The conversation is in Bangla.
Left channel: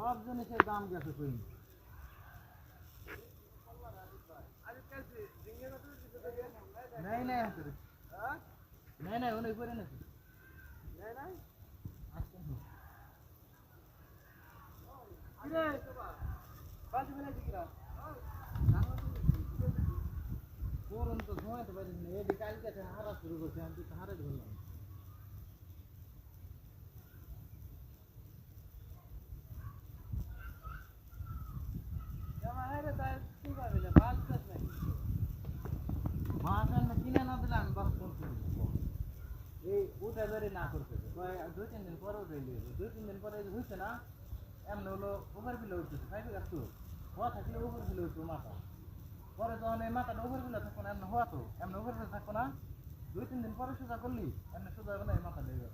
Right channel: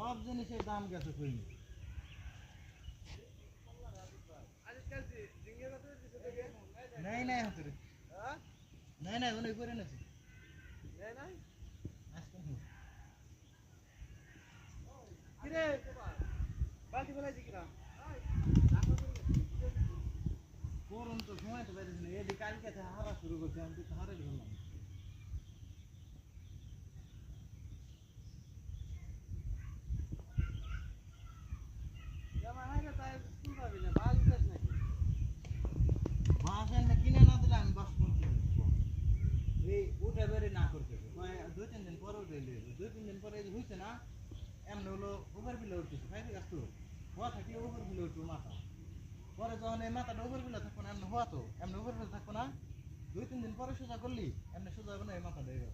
সব জিনিসের দাম গেছে কই নাই নাই হাতে নাই নাই উনি করে নেছি নাই নাই আজকে কিরে বালতি ফেলাই দিকিরা করুন তো ঘুমাইতে পারিস না এদিকে কালকে হারা শুরু করছে আমি তো হারে ধরলাম কিনে না দিলে আমি বাস করতে এই উঠে ধরে না করতে 2-3 দিন পরে উঠে 2-3 দিন পরে হয়েছে না এমনি হলো ওভার বিলে উঠতেছে খাইতে গাছ তো হওয়া থাকলে ওভার বিলে উঠবো মাথা পরে যখন এই মাথাটা ওভার বিলে থাকবো না এমনি হওয়া তো এমনি ওভার বিলে থাকবো না 2-3 দিন পরে সোজা করলি এমনি সোজা হবে না এই মাথা দিয়ে